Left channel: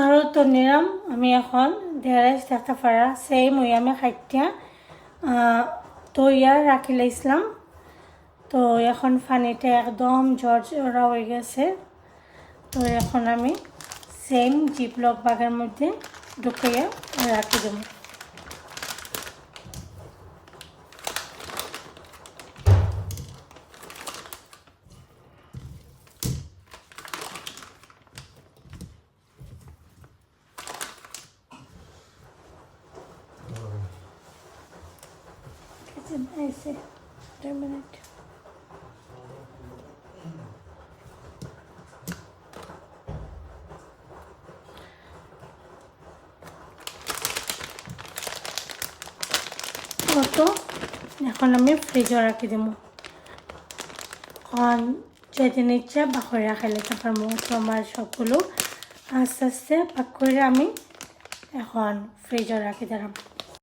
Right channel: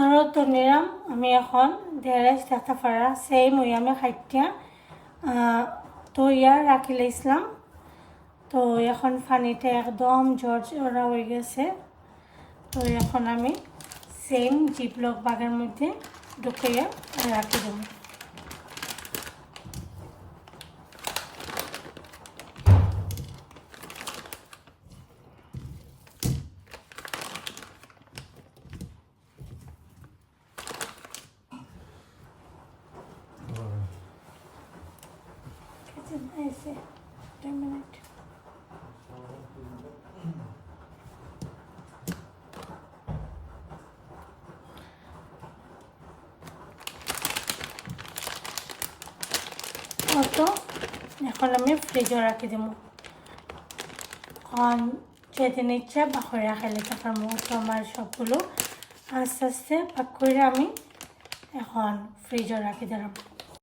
আরও তো নিলাম আমি এখন দেড়াইশ টাকা পারা সেই মই আমি খাইটিয়া তৈয়ার রাখি লাইছিলাম। তো এখন পানিটা একদম ঝরঝরা হয়ে গেছে। তো এখন আমি সেম জিপলক বাগের মধ্যে ঢুকিয়ে রাখি দেব। তো এখন আমি ফ্রিজে রাখি দেবো। এখন যেদিন ইচ্ছা ভাগ করে রাখা লেখা পারবো। তো আমার সবগুলো আস্তে আস্তে ভাগ করে আমি এখন ফ্রিজে রাখি দিলাম।